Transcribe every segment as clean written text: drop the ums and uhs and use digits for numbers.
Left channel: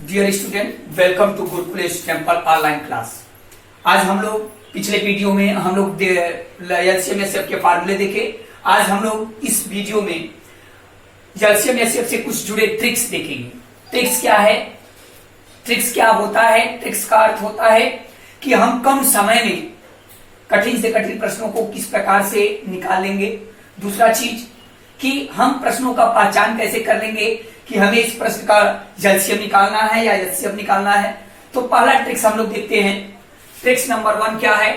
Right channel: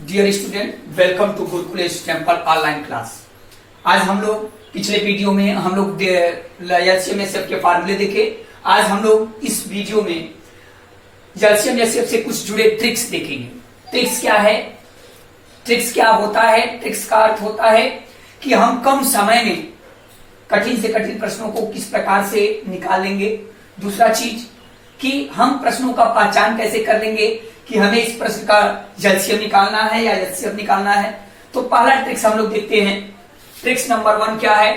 Dear student, welcome to Gurukul temple online class. आज हम लोग पिछले वीडियो में हम लोग एलसीएम एसएफ के फार्मूले देखे। आज हम लोग इस वीडियो में एलसीएम एसएफ से कुछ जुड़े ट्रिक्स देखेंगे। ट्रिक्स क्या है, ट्रिक्स क्या होता है? ट्रिक्स का अर्थ होता है कि हम कम समय में कठिन से कठिन प्रश्नों को किस प्रकार से निकालेंगे। दूसरा चीज कि हम प्रश्नों का पहचान कैसे कर लेंगे कि हमें इस प्रश्न का एलसीएम निकालना है या एचसीएफ निकालना है। तो पहला ट्रिक्स हम लोग देखते हैं। ट्रिक्स नंबर 1 क्या है?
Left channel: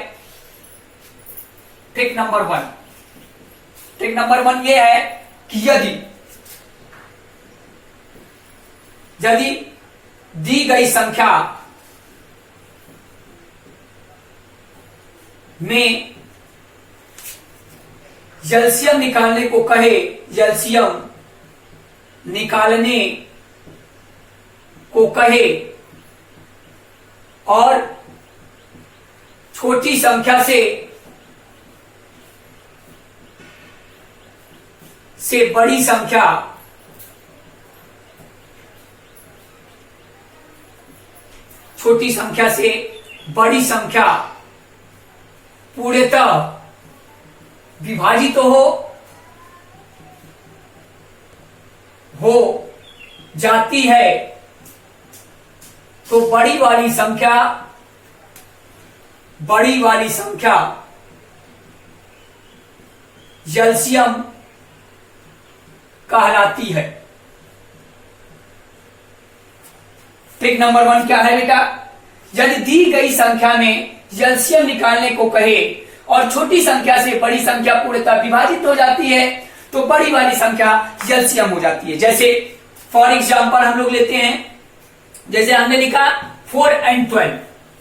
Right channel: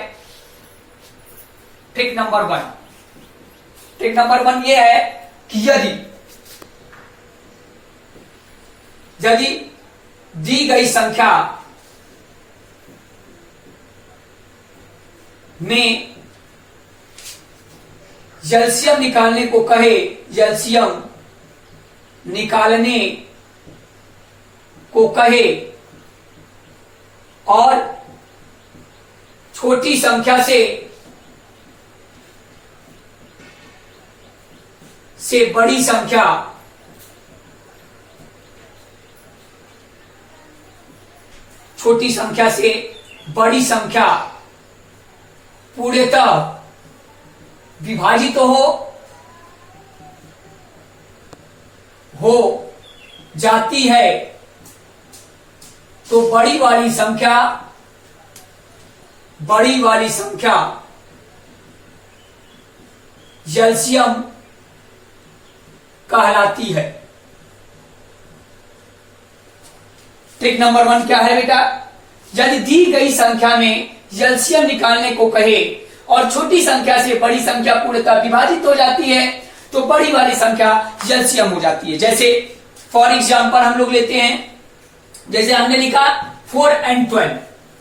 ट्रिक नंबर 1 ये है कि यदि दी गई संख्या में एलसीएम निकालने को कहे, एलसीएम निकालने को कहे और छोटी संख्या से बड़ी संख्या छोटी संख्या से बड़ी संख्या पूर्णतः विभाजित हो जाती है, तो बड़ी वाली संख्या एलसीएम कहलाती है। ट्रिक नंबर 1 क्या है बेटा? यदि दी गई संख्या में एलसीएम निकालने को कहे और छोटी संख्या से बड़ी संख्या पूर्णतः विभाजित हो जाती है, तो बड़ी वाली संख्या एलसीएम हो जाती है। जैसे फॉर एग्जांपल हम लोग लेते हैं, जैसे हमने लिखा 4 and 12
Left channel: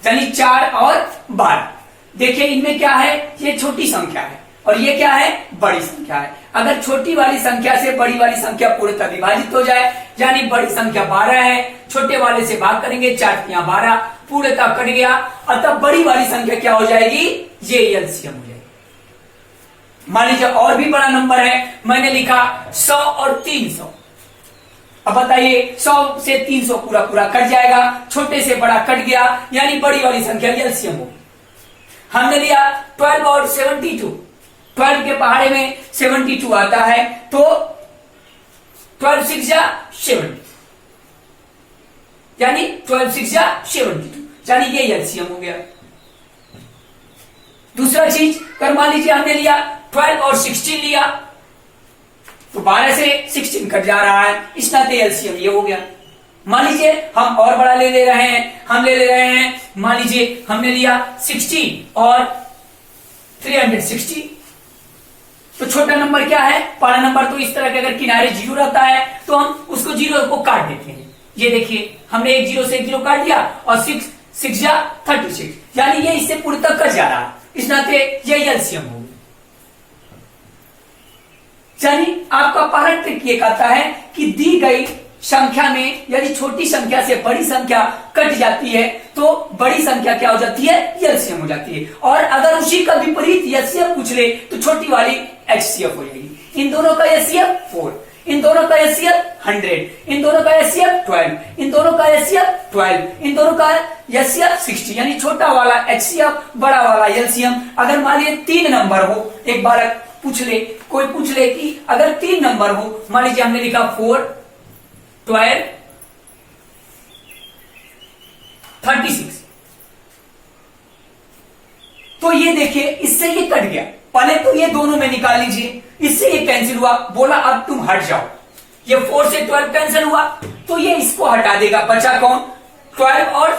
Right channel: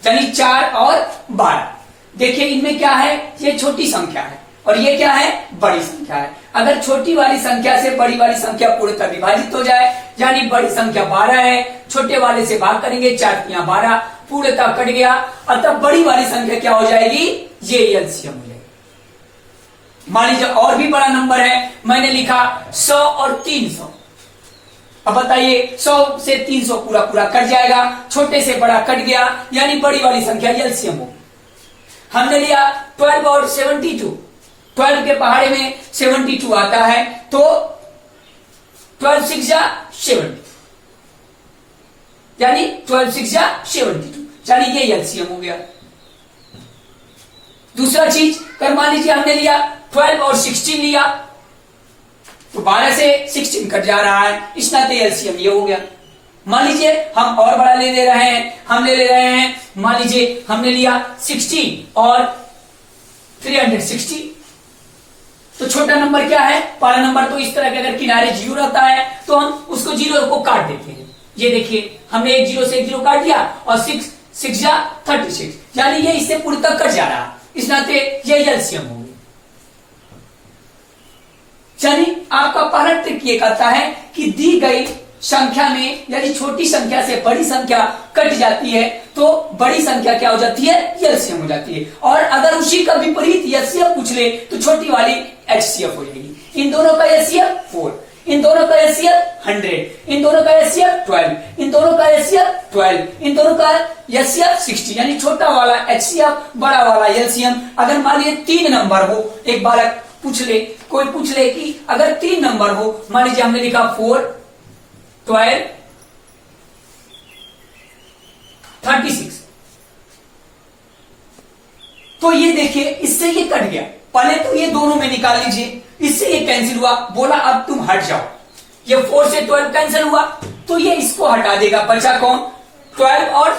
यानी 4 और 12। देखिए इनमें क्या है, ये छोटी संख्या है और ये क्या है, बड़ी संख्या है। अगर छोटी वाली संख्या से बड़ी वाली संख्या पूर्णतः विभाजित हो जाए, यानी बड़ी संख्या 12 है, छोटे वाले से भाग करेंगे, 4 × 12 पूर्णतः कट गया, अतः बड़ी वाली संख्या क्या हो जाएगी, ये एलसीएम हो जाएगी। मान लीजिए और भी बड़ा नंबर है, मैंने लिखा 100 और 300। अब बताइए 100 से 300 पूरा कट जाएगा, छोटे से बड़ा कट गया, यानी बड़ी वाली संख्या एलसीएम होगी। हमने लिया 12 और 72, 12 के पहाड़े में 72 आता है, तो 12 6 जा 70 यानी 12 6 जा 72 यानी ये एलसीएम हो गया। दूसरा चीज कर, मान लीजिए हमने लिया 12 और 16 लिया, तो 12 से 16 कट जा रहा है, इस नाते एलसीएम ये हो गया। मान लीजिए हम और बड़ा ले रहे हैं, हम ले रहे हैं, मान लीजिए हमने लिया 60 और 360, तो छोटा नंबर क्या है, पहला नंबर तो इस तरह के अगर किनारे 0 रहता है तो हम उसको 0 को काट देते हैं। ये देखिए हमने एक 0 से एक 0 काट दिया और 6 6 जा 36 यानी ये इससे पूरी तक कट जा रहा है, इस नाते ये एलसीएम हो गया। यानी आपका पहला ट्रिक ये कहता है कि दी गई संख्या में यदि छोटी संख्या से बड़ी संख्या कट जाती है, तो बड़ी संख्या क्या हो जाती है, एलसीएम हो जाती है। और अगर उसी का विपरीत एचसीएफ पूछ ले तो छोटी वाली एचसीएफ हो जाएगी। इन दोनों का एचसीएफ 4, इन दोनों का एचसीएफ 100, इन दोनों का एचसीएफ 12, इन दोनों का एचसीएफ 12, इन दोनों का एचसीएफ 60 यानी छोटा वाला एचसीएफ, बड़ा वाला एलसीएम। अगर मान लीजिए 3 नंबर हो, एक बालक कोई पूछ ले कि अगर 3 नंबर हो, मान लीजिए हमने लिखा 4 12 36, तो ये देखिए इससे ये कट गया। पहले तो ये दोनों में निकाल लीजिए, इससे ये कैंसिल हुआ, बोला अब तुम हट जाओ। ये 4 से 12 कैंसिल हुआ, तो ये इसको हटा देगा, बचा कौन, 12 और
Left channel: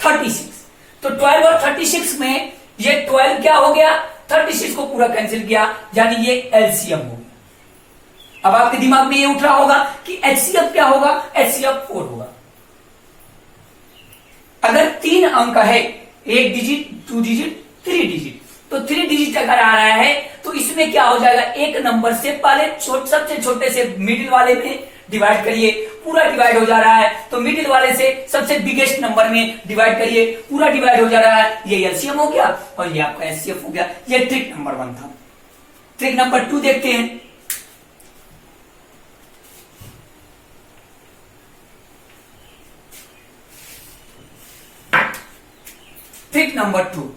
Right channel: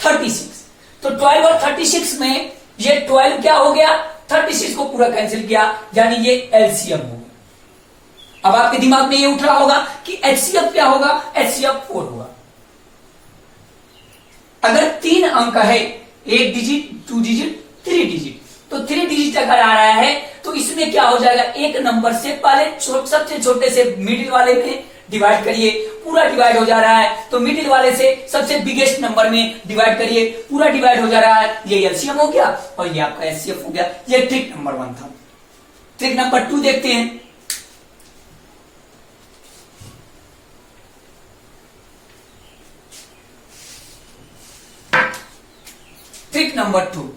36। तो 12 और 36 में ये 12 क्या हो गया, 36 को पूरा कैंसिल किया, यानी ये एलसीएम हो गया। अब आपके दिमाग में ये उठ रहा होगा कि एचसीएफ क्या होगा, एचसीएफ 4 होगा। अगर 3 अंक है, 1 डिजिट 2 डिजिट 3 डिजिट, तो 3 डिजिट अगर आ रहा है तो इसमें क्या हो जाएगा, एक नंबर से पहले सबसे छोटे से मिडिल वाले में डिवाइड करिए, पूरा डिवाइड हो जा रहा है, तो मिडिल वाले से सबसे बिगेस्ट नंबर में डिवाइड करिए, पूरा डिवाइड हो जा रहा है, ये एलसीएम हो गया और ये आपका एचसीएफ हो गया। ये ट्रिक नंबर 1 था। ट्रिक नंबर 2 देखते हैं। नंबर 2,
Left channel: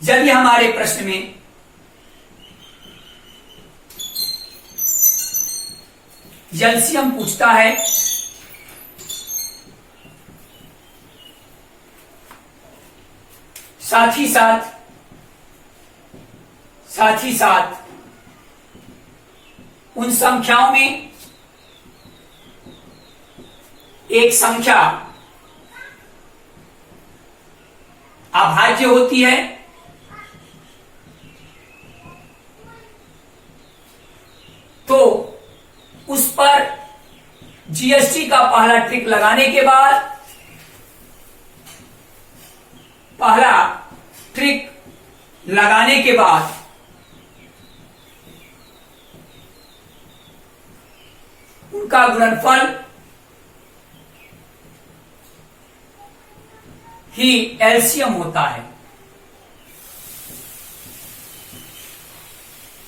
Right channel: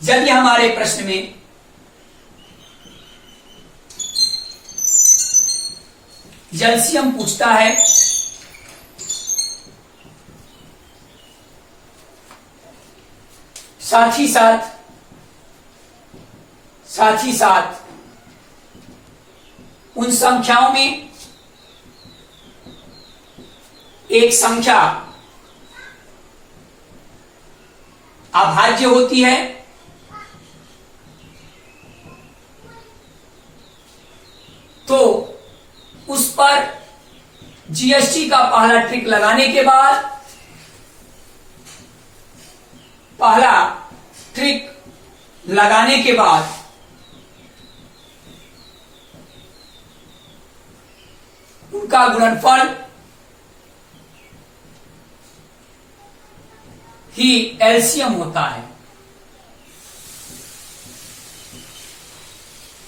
जब हमारे प्रश्न में एलसीएम पूछता है साथ ही साथ उन संख्याओं में एक संख्या अभाज्य होती है, तो उस पर जीएसटी का पहला ट्रिक लगाने के बाद, पहला ट्रिक लगाने के बाद उनका गुणनफल ही एलसीएम होता है।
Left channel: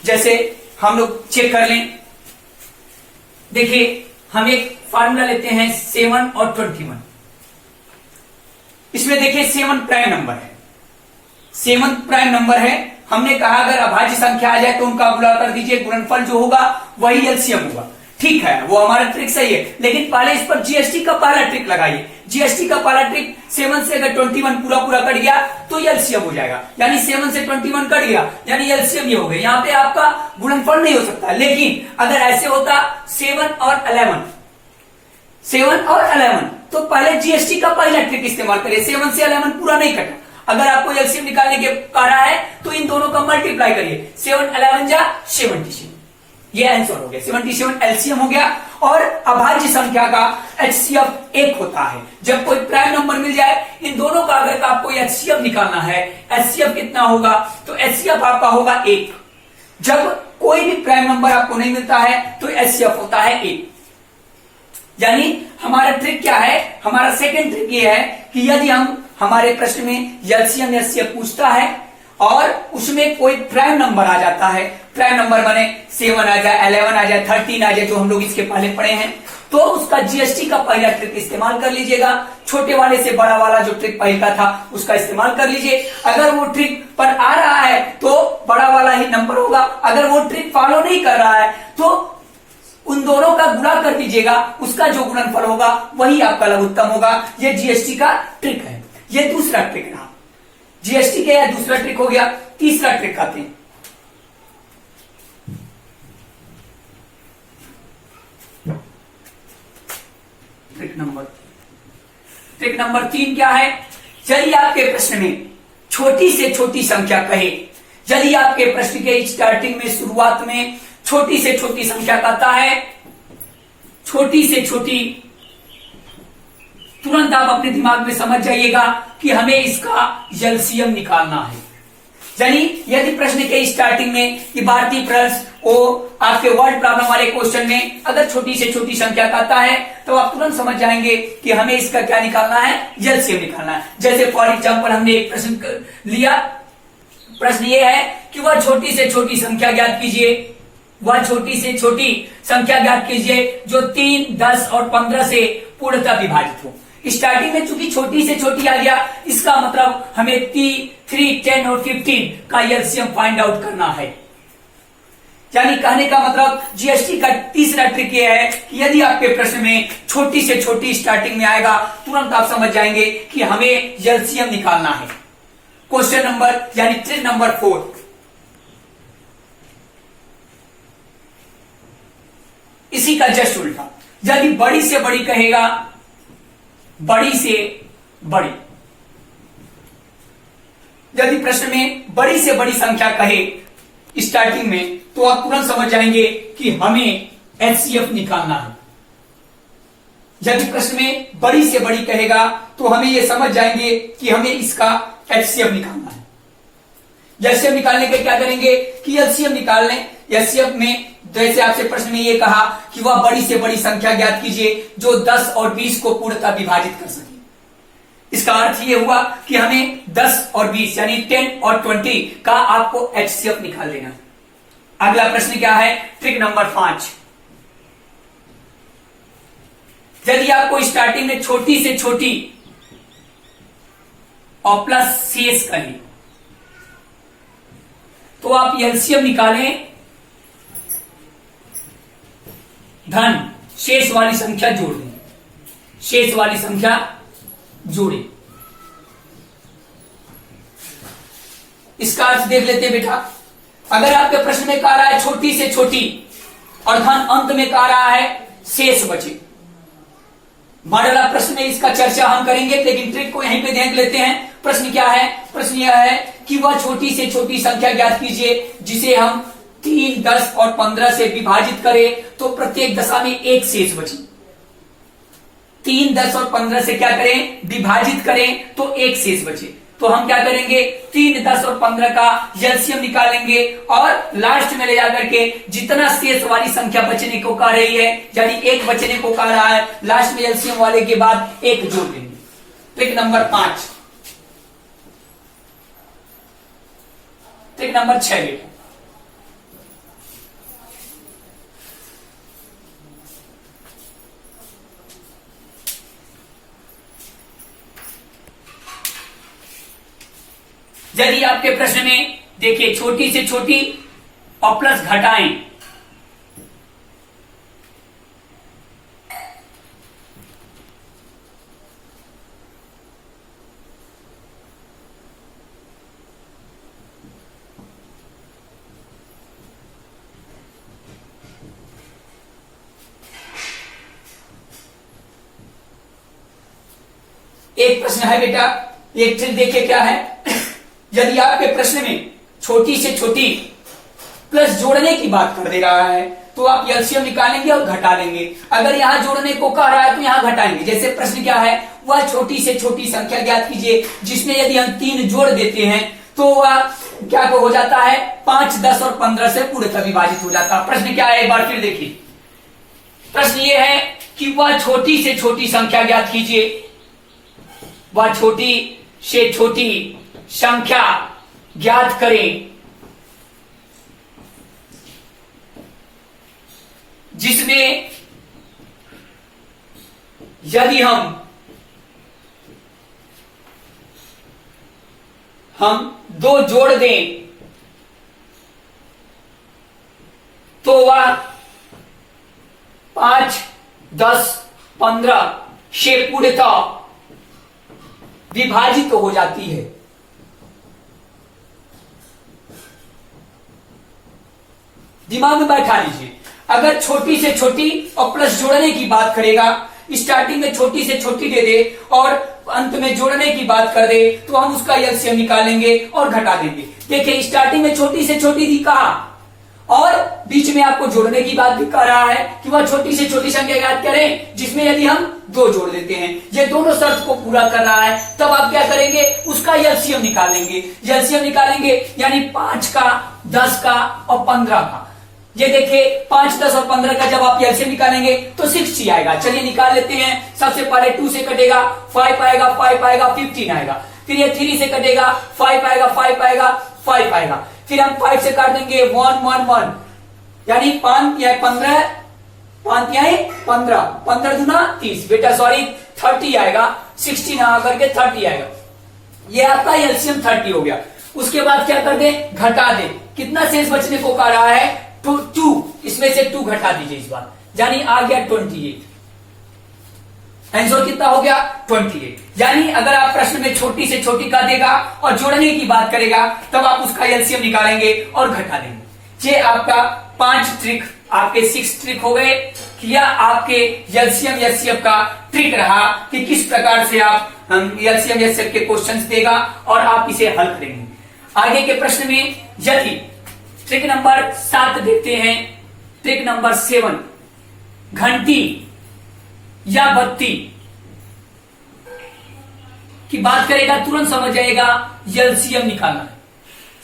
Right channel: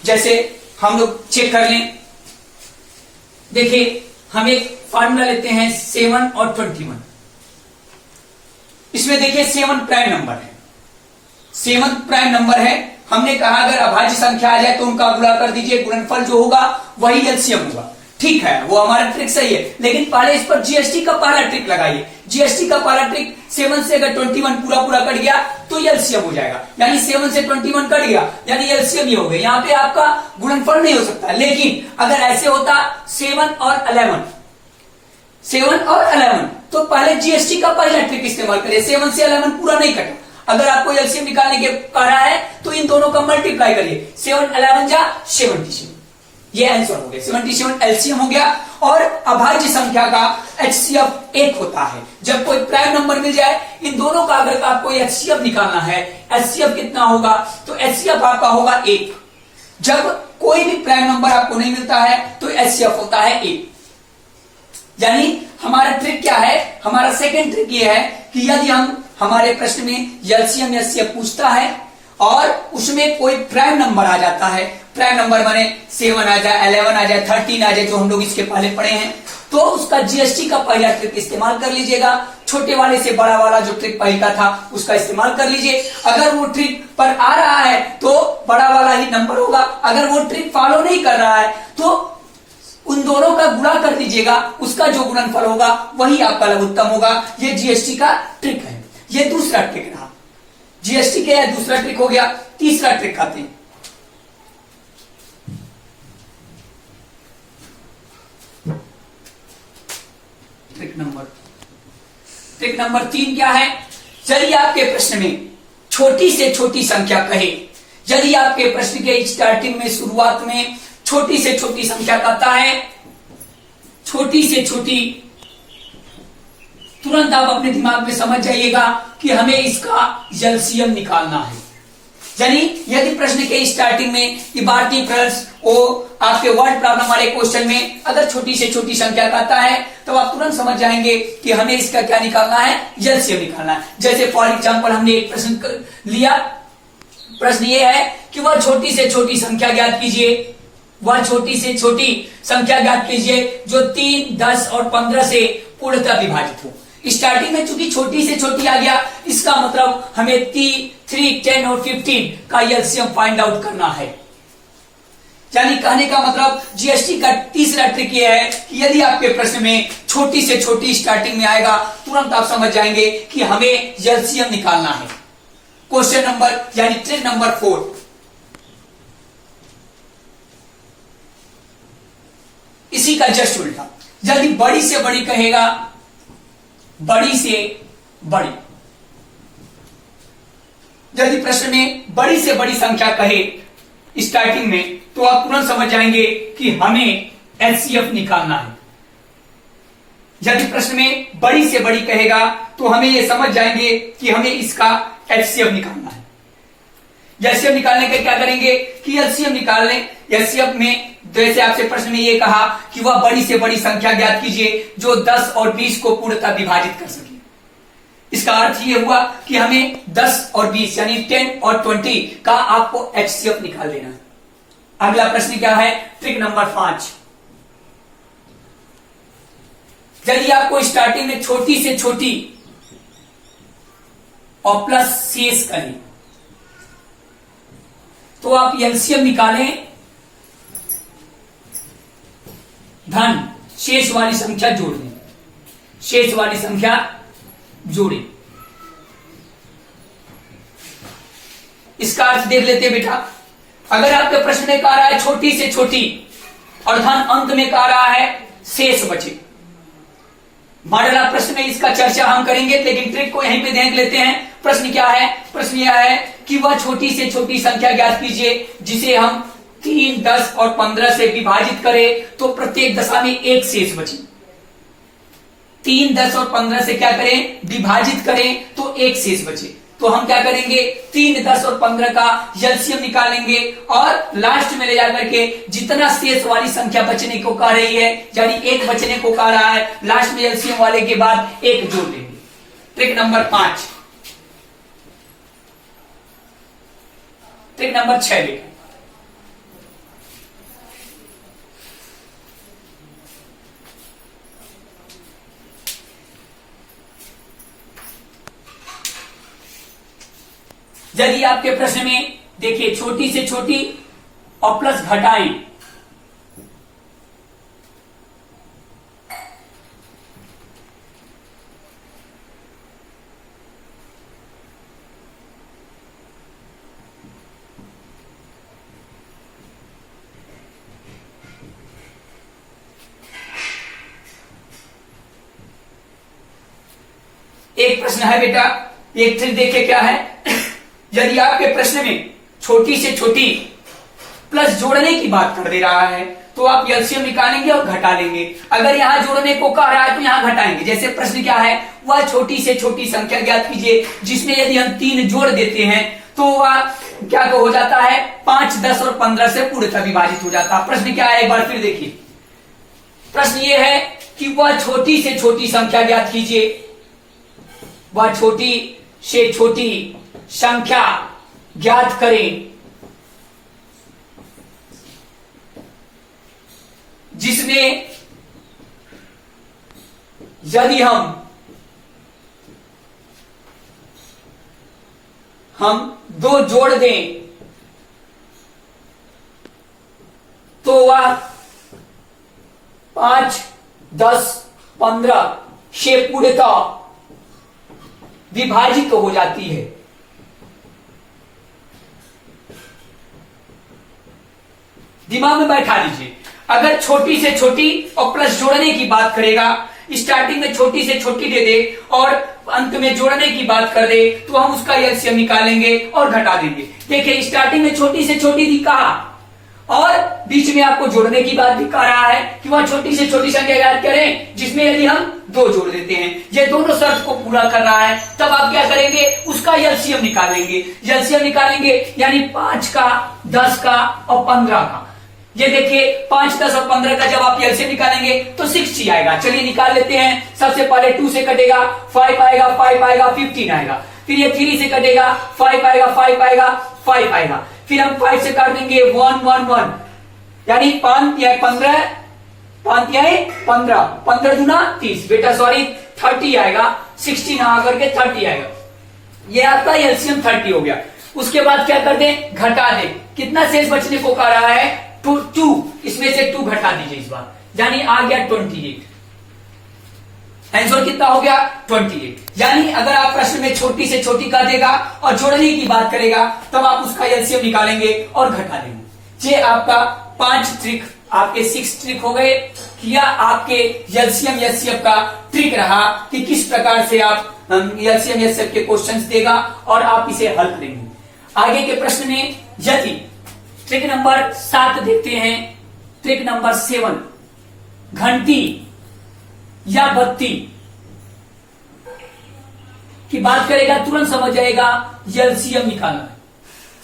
जैसे हम लोग चेक कर लें, देखिए हम एक फार्मूला लेते हैं 7 और 21। इसमें देखिए 7 प्राइम नंबर है, 7 प्राइम नंबर है। हमने कहा अगर अभाज्य संख्या आ जाए तो उनका गुणा कर दीजिए, गुणनफल जो होगा वही एलसीएम होगा। ठीक है, वो हमारा ट्रिक सही है, लेकिन पहले इस पर जीएसटी का पहला ट्रिक लगाइए। जीएसटी का पहला ट्रिक 7 से अगर 21 पूरा कट गया तो एलसीएम हो जाएगा, यानी 7 से 21 कट गया यानी एलसीएम ही हो गया। यहां पे आपका गुणनफल नहीं हो सकता, लेकिन अगर ऐसे होता 7 और 11 तो पहले जीएसटी का पहला ट्रिक इस्तेमाल करिए। 7 से 11 पूरा नहीं कटा, अगर आपको एलसीएम निकालने के कह रहा है तो इन दोनों का मल्टीप्लाई करिए, 7 11 जा 77, ये आंसर हो गया। 77 एलसीएम हो गया। और अभाज्य संख्या का एचसीएफ 1 होता है। जब कोई प्राइम नंबर मिल जाए, इन दोनों का अगर आपको एचसीएफ निकालना है, एचसीएफ कितना होगा, तो एचसीएफ आपका होगा 1। जब कोई भी प्राइम नंबर आपको नहीं मिलता है तो एचसीएफ होता है 1। यानी हमारा ट्रिक क्या है, हमारा सेकेंड ट्रिक ये है कि यदि हम हमारे प्रश्न में एलसीएम एचसीएफ पूछता है और उसमें कोई प्राइम नंबर आ जाता है, प्राइम नंबर माने 7 आ जाए, 11 आ जाए, 13 आ जाए, जो हम लोग इसके पहले पढ़े हैं, तो उसका जीएसटी का पहला ट्रिक इस्तेमाल कर लीजिएगा। छोटे वाले से बड़ा वाला जो ट्रिक पहला था उसका इस्तेमाल कर लीजिए। अगर वो ट्रिक पर आ रहा है तो बड़ा वाला ही नंबर होगा, अगर वो ट्रिक फॉलो नहीं कर रहा है तो उन दोनों का गुणा कर दीजिएगा, उसका जो गुणनफल होगा वही आपका लघुत्तम होगा। ये जीएसटी का ट्रिक है। ये दूसरा ट्रिक रहा। जीएसटी क्या है, दूसरा ट्रिक हो गया। तीसरा ट्रिक आते हैं। ट्रिक नंबर 3 क्या है, यदि आपके प्रश्न में छोटी से छोटी संख्या कहे, यदि आपके प्रश्न के स्टार्टिंग में शुरुआत में छोटी से छोटी संख्या कहता है, छोटी से छोटी, तुरंत आप अपने दिमाग में समझ जाइएगा कि हमें इसका एलसीएम निकालना है। यानी यदि प्रश्न के स्टार्टिंग में इबारती प्रश्न ओ आपके वर्ड प्रॉब्लम वाले क्वेश्चन में अगर छोटी से छोटी संख्या कहता है तो आप तुरंत समझ जाएंगे कि हमें इसका क्या निकालना है, एलसीएम निकालना है। जैसे फॉर एग्जांपल हमने एक प्रश्न लिया, प्रश्न ये है कि वह छोटी से छोटी संख्या ज्ञात कीजिए, वह छोटी से छोटी संख्या ज्ञात कीजिए जो 3, 10 और 15 से पूर्णतः विभाजित हो। स्टार्टिंग में चूंकि छोटी से छोटी आ गया, इसका मतलब हमें 3, 10 और 15 का एलसीएम फाइंड आउट करना है। यानी कहने का मतलब जीएसटी का तीसरा ट्रिक ये है कि यदि आपके प्रश्न में छोटी से छोटी स्टार्टिंग में आएगा, तुरंत आप समझ जाएंगे कि हमें एलसीएम निकालना है। क्वेश्चन नंबर यानी ट्रिक नंबर 4, इसी का जस्ट उल्टा। यदि बड़ी से बड़ी कहेगा, बड़ी से बड़ी, यदि प्रश्न में बड़ी से बड़ी संख्या कहे स्टार्टिंग में, तो आप तुरंत समझ जाएंगे कि हमें एचसीएफ निकालना है। यदि प्रश्न में बड़ी से बड़ी कहेगा तो हमें यह समझ जाएंगे कि हमें इसका एचसीएफ निकालना है। एचसीएफ निकालने के क्या करेंगे कि एलसीएम निकालने, एलसीएफ में जैसे आपसे प्रश्न में ये कहा कि वह बड़ी से बड़ी संख्या ज्ञात कीजिए जो 10 और 20 को पूर्णतः विभाजित कर सके। इसका अर्थ ये हुआ कि हमें 10 और 20 यानी 10 और 20 का आपको एचसीएफ निकाल लेना। अगला प्रश्न क्या है, ट्रिक नंबर 5। यदि आपको स्टार्टिंग में छोटी से छोटी और प्लस शेष करें तो आप एलसीएम निकालें, धन शेष वाली संख्या जोड़ दें, शेष वाली संख्या जोड़ें। इसका अर्थ देख लेते हैं बेटा। अगर आपके प्रश्न में कह रहा है छोटी से छोटी और धन अंत में कह रहा है शेष बचे, मॉडल प्रश्न में इसका चर्चा हम करेंगे, लेकिन ट्रिक को यहीं पे देख लेते हैं। प्रश्न क्या है? प्रश्न यह है कि वह छोटी से छोटी संख्या ज्ञात कीजिए जिसे हम 3, 10 और 15 से विभाजित करें तो प्रत्येक दशा में एक शेष बचे। 3, 10 और 15 से क्या करें? विभाजित करें तो एक शेष बचे। तो हम क्या करेंगे? 3, 10 और 15 का एलसीएम निकालेंगे और लास्ट में ले जाकर के जितना शेष वाली संख्या बचने को कह रही है, यानी एक बचने को कह रहा है, लास्ट में एलसीएम वाले के बाद एक जोड़ देंगे। Trick number 5। ट्रिक नंबर 6 बेटा। यदि आपके प्रश्न में देखिए छोटी से छोटी और प्लस घटाएं, एक प्रश्न है बेटा, एक ट्रिक देखिए क्या है। यदि आपके प्रश्न में छोटी से छोटी प्लस जोड़ने की बात कर दे रहा है तो आप एलसीएम निकालेंगे और घटा लेंगे। अगर यहां जोड़ने को कह रहा है तो यहां घटाएंगे। जैसे प्रश्न क्या है? वह छोटी से छोटी संख्या ज्ञात कीजिए जिसमें यदि हम 3 जोड़ देते हैं तो वह क्या हो जाता है? 5, 10 और 15 से पूर्णतः विभाजित हो जाता है। प्रश्न क्या है? एक बार फिर देखिए। प्रश्न यह है कि वह छोटी से छोटी संख्या ज्ञात कीजिए, वह छोटी से छोटी संख्या ज्ञात करें जिसमें यदि हम 2 जोड़ दें तो वह 5, 10, 15 से पूर्णतः विभाजित हो जाती है। दिमाग में बैठा लीजिए। अगर छोटी से छोटी और प्लस जोड़ने की बात करेगा, स्टार्टिंग में छोटी से छोटी दे दे और अंत में जोड़ने की बात कर दे तो हम उसका एलसीएम निकालेंगे और घटा देंगे। देखिए स्टार्टिंग में छोटी से छोटी दी कहा और बीच में आपको जोड़ने की बात भी कह रहा है कि वह छोटी से छोटी संख्या याद करें जिसमें यदि हम 2 जोड़ देते हैं। ये दोनों शर्त को पूरा कर रहा है, तब आप क्या करेंगे? उसका एलसीएम निकालेंगे। एलसीएम निकालेंगे यानी 5 का, 10 का और 15 का। ये देखिए 5, 10 और 15 का जब आप एलसीएम निकालेंगे तो 60 आएगा। चलिए निकाल लेते हैं। सबसे पहले 2 से कटेगा 5 आएगा, 5 आएगा, 15 आएगा। फिर ये 3 से कटेगा 5 आएगा, 5 आएगा, 5 आएगा। फिर हम 5 से काट देंगे 1, 1, 1 यानी 5 या 15, 5 या 15, 15 दूना 30 बेटा, सॉरी 30 आएगा। 60 ना आकर के 30 आएगा। ये आपका एलसीएम 30 हो गया। उसके बाद क्या कर दें? घटा दें। कितना शेष बचने को कह रहा है? 2। इसमें से 2 घटा दीजिए इस बार, यानी आ गया 28। आंसर कितना हो गया? 28। यानी अगर आप प्रश्न में छोटी से छोटी का देगा और जोड़ने की बात करेगा तब आप उसका एलसीएम निकालेंगे और घटा देंगे। ये आपका 5 ट्रिक, आपके 6 ट्रिक हो गए। या आपके एलसीएम एचसीएफ का ट्रिक रहा कि किस प्रकार से आप एलसीएम एचसीएफ के क्वेश्चंस देगा और आप इसे हल करेंगे। आगे के प्रश्न में यदि ट्रिक नंबर 7 देखते हैं। ट्रिक नंबर 7, घंटी या बत्ती की बात करेगा, तुरंत समझ जाएगा एलसीएम निकालना।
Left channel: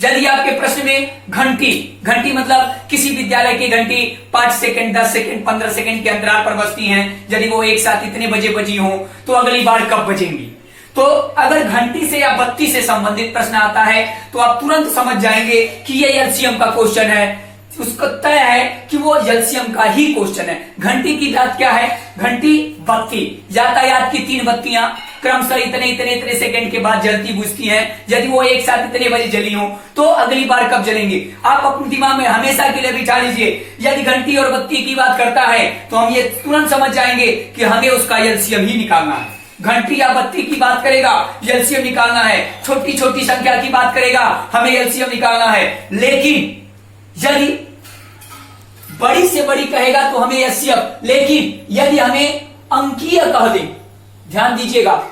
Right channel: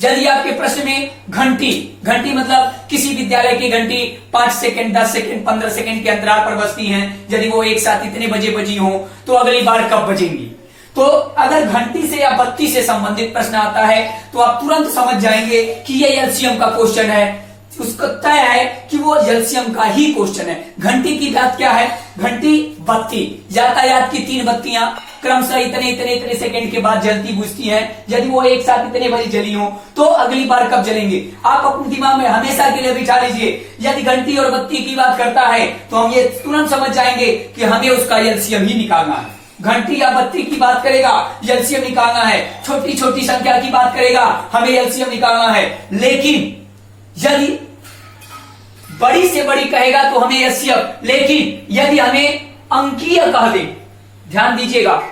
यदि आपके प्रश्न में घंटी मतलब किसी विद्यालय की घंटी 5 सेकंड, 10 सेकंड, 15 सेकंड के अंतराल पर बजती हैं, यदि वो एक साथ इतने बजे बजी हो तो अगली बार कब बजेंगी। तो अगर घंटी से या बत्ती से संबंधित प्रश्न आता है तो आप तुरंत समझ जाएंगे कि ये एलसीएम का क्वेश्चन है। उसका तय है कि वो एलसीएम का ही क्वेश्चन है। घंटी की बात क्या है, घंटी बत्ती, यातायात की 3 बत्तियां क्रमशः इतने इतने इतने सेकंड के बाद जलती बुझती हैं। यदि वो एक साथ इतने बजे जली हो तो अगली बार कब जलेंगे, आप अपने दिमाग में हमेशा के लिए बिठा लीजिए। यदि घंटी और बत्ती की बात करता है तो हम ये तुरंत समझ जाएंगे कि हमें उसका एलसीएम ही निकालना है। घंटी या बत्ती की बात करेगा, एलसीएम निकालना है। छोटी छोटी संख्या की बात करेगा, हमें एलसीएम निकालना है। लेकिन यदि बड़ी से बड़ी कहेगा तो हमें एलसीएम, लेकिन यदि हमें अंकीय कह दे, ध्यान दीजिएगा,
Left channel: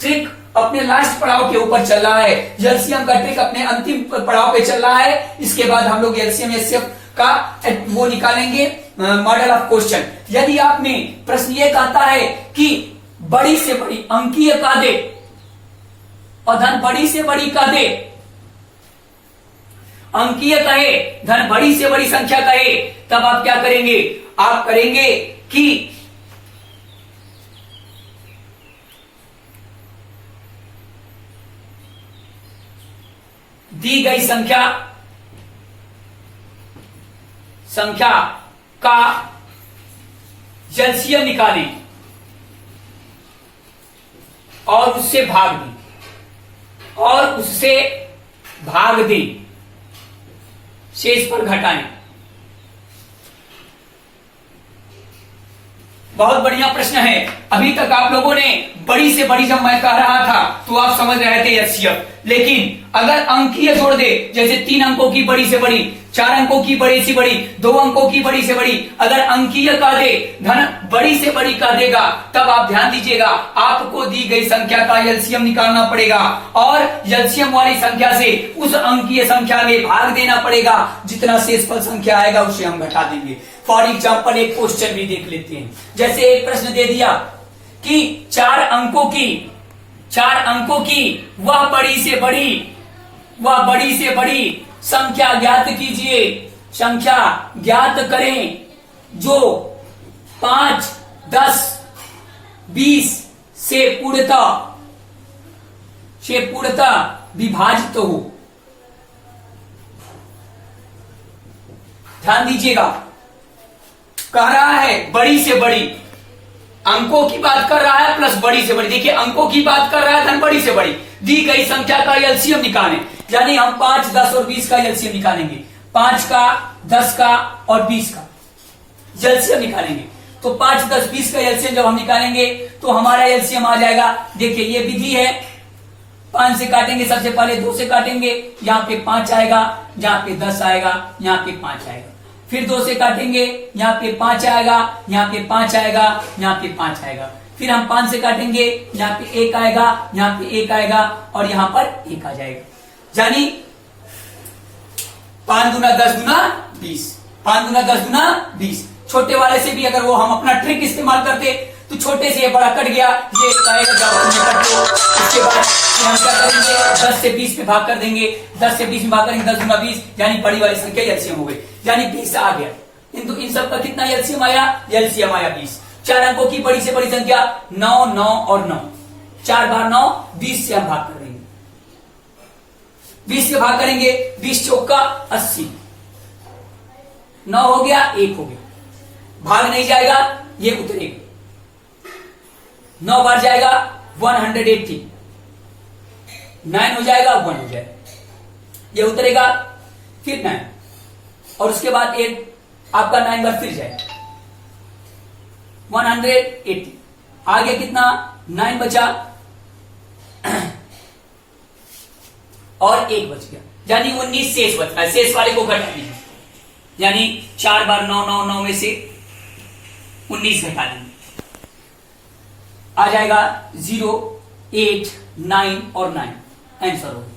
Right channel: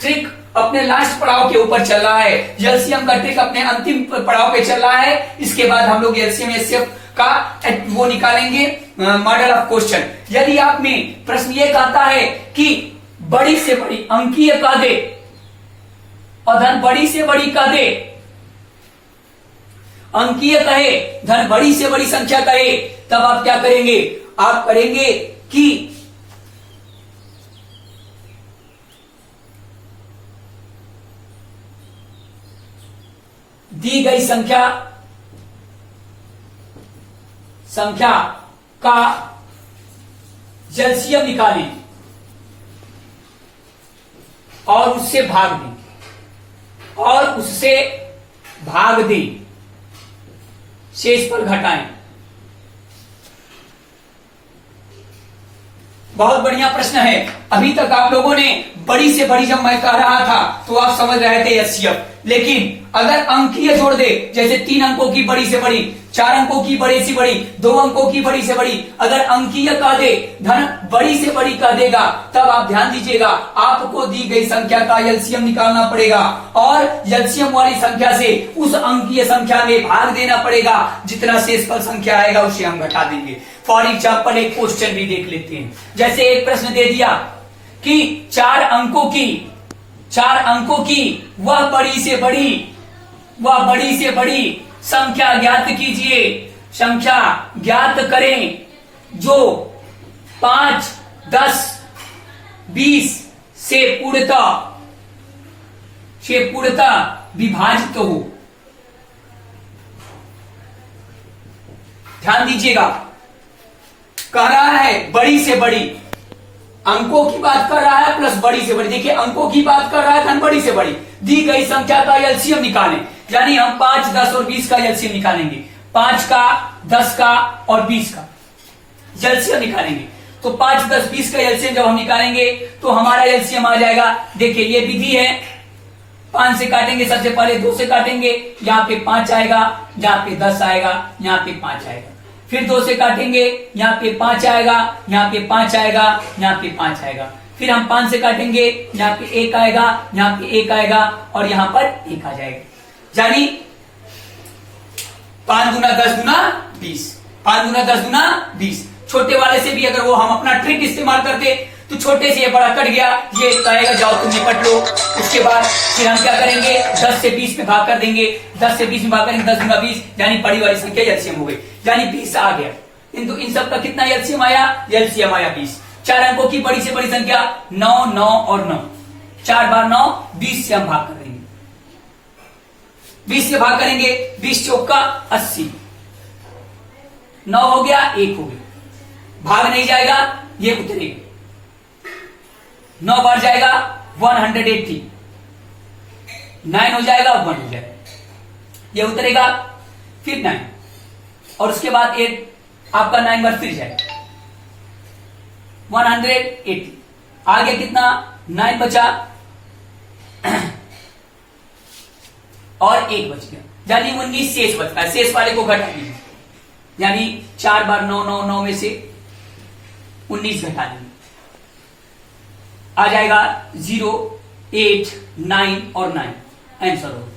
ट्रिक अपने लास्ट पड़ाव के ऊपर चल रहा है, एलसीएम का ट्रिक अपने अंतिम पड़ाव पे चल रहा है। इसके बाद हम लोग एलसीएम एलसीएम का वो निकालेंगे, मॉडल ऑफ क्वेश्चन। यदि आप में प्रश्न ये कहता है कि बड़ी से बड़ी अंकीय कह दे और धन बड़ी से बड़ी कह दे, अंकीय कहे धन बड़ी से बड़ी संख्या कहे, तब आप क्या करेंगे, आप करेंगे कि दी गई संख्या का एलसीएम निकालें और उससे भाग दें, शेष पर घटाएं। बहुत बढ़िया प्रश्न है। अभी तक आप लोगों ने बड़ी से बड़ी, जब मैं कह रहा था तो आप समझ रहे थे एलसीएम, लेकिन अगर अंकीय जोड़ दे, जैसे 3 अंकों की बड़ी से बड़ी, 4 अंकों की बड़ी से बड़ी, 2 अंकों की बड़ी से बड़ी, अगर अंकीय कह दे, धन बड़ी से बड़ी कह देगा, तब आप ध्यान दीजिएगा, आपको दी गई संख्या का एलसीएम निकालना पड़ेगा और एलसीएम वाली संख्या से उस अंकीय संख्या में भाग देना पड़ेगा। जितना शेषफल संख्या आएगा उसे हम घटा देंगे। फॉर एग्जाम्पल एक क्वेश्चन भी देख लेते हैं। जैसे एक प्रश्न दे दिया कि 4 अंकों की वह बड़ी से बड़ी संख्या ज्ञात कीजिए, संख्या ज्ञात करें जो 5, 10, 20 से पूर्णतः विभाजित हो। ध्यान दीजिएगा, कह रहा है बड़ी से बड़ी, अंकों की बात कर रहा है प्लस बड़ी से बड़ी। देखिए, अंकों की बात कर रहा है धन बड़ी से बड़ी, दी गई संख्या का एलसीएम निकालें, यानी हम 5, 10 और 20 का एलसीएम निकालेंगे। 5 का, 10 का और 20 का एलसीएम निकालेंगे। तो 5, 10, 20 का एलसीएम जब हम निकालेंगे तो हमारा एलसीएम आ जाएगा। देखिए, ये विधि है, 5 से काटेंगे, सबसे पहले 2 से काटेंगे, यहाँ पे 5 आएगा, यहाँ पे 10 आएगा, यहाँ पे 5 आएगा। फिर 2 से काटेंगे, यहाँ पे 5 आएगा, यहाँ पे 5 आएगा, यहाँ पे 5 आएगा। फिर हम 5 से काटेंगे, यहाँ पे 1 आएगा, यहाँ पे 1 आएगा और यहाँ पर 1 आ जाएगा। यानी 5 दूना 10 दूना 20, 5 दूना 10 दूना 20। छोटे वाले से भी अगर वो हम अपना ट्रिक इस्तेमाल करते तो छोटे से ये बड़ा कट गया, ये कहेगा जाओ तुम्हें कट लो। उसके बाद फिर हम क्या करेंगे, 10 से 20 में भाग कर देंगे, 10 से 20 में भाग करेंगे, 10 दूना 20, यानी बड़ी वाली संख्या एलसीएम हो गई, यानी 20 आ गया। किंतु इन सब का कितना एलसीएम आया, एलसीएम आया 20। 4 अंकों की बड़ी से बड़ी संख्या 9, 9 और 9, 4 बार 9, 20 से हम भाग कर देंगे, 20 से भाग करेंगे, 20 चौका 80, 9 हो गया, 1 हो गया, भाग नहीं जाएगा, ये उतरेगा। 9 बार जाएगा 180, 9 हो जाएगा 1 हो जाएगा, ये उतरेगा, फिर 9 और उसके बाद 8, आपका 9 बार फिर जाएगा 180। आगे कितना, 9 बचा और 1 बच गया, यानी 19 शेष बचता है। शेष वाले को घटा दीजिए, यानी 4 बार 9, 9, 9 में से 19 घटा देंगे, आ जाएगा 0, 8, 9 और 9, आंसर हो गया।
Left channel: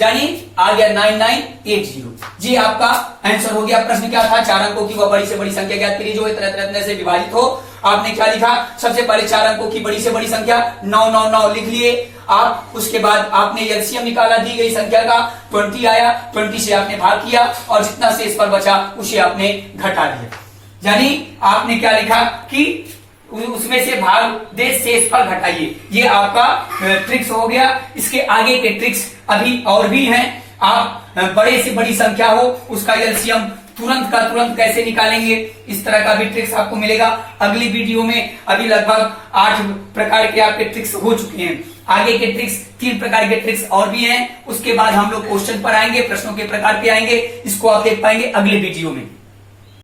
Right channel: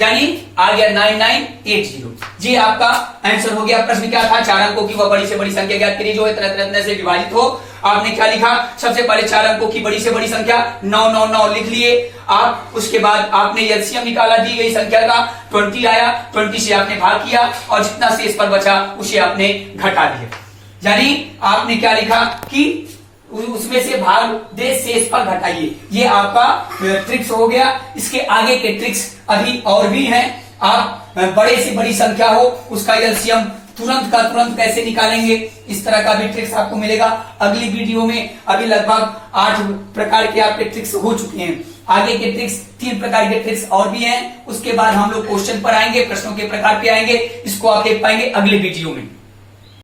यानी आ गया 9980। जी आपका आंसर हो गया। प्रश्न क्या था, 4 अंकों की वह बड़ी से बड़ी संख्या ज्ञात करिए जो इतना इतना से विभाजित हो। आपने क्या लिखा, सबसे पहले 4 अंकों की बड़ी से बड़ी संख्या 999 लिख लिए आप। उसके बाद आपने एलसीएम निकाला, दी गई संख्या का 20 आया, 20 से आपने भाग किया और जितना शेष पर बचा उसे आपने घटा दिया। यानी आपने क्या लिखा कि उसमें से भाग दे शेष पर घटाइए। ये आपका ट्रिक्स हो गया। इसके आगे के ट्रिक्स अभी और भी हैं। आप बड़े से बड़ी संख्या हो उसका एलसीएम तुरंत का तुरंत कैसे निकालेंगे, इस तरह का भी ट्रिक्स आपको मिलेगा अगली वीडियो में। अभी लगभग 8 प्रकार के आपके ट्रिक्स हो चुके हैं, आगे के ट्रिक्स 3 प्रकार के ट्रिक्स और भी हैं। उसके बाद हम लोग क्वेश्चन पर आएंगे, प्रश्नों के प्रकार पे आएंगे, इसको आप देख पाएंगे अगले वीडियो में।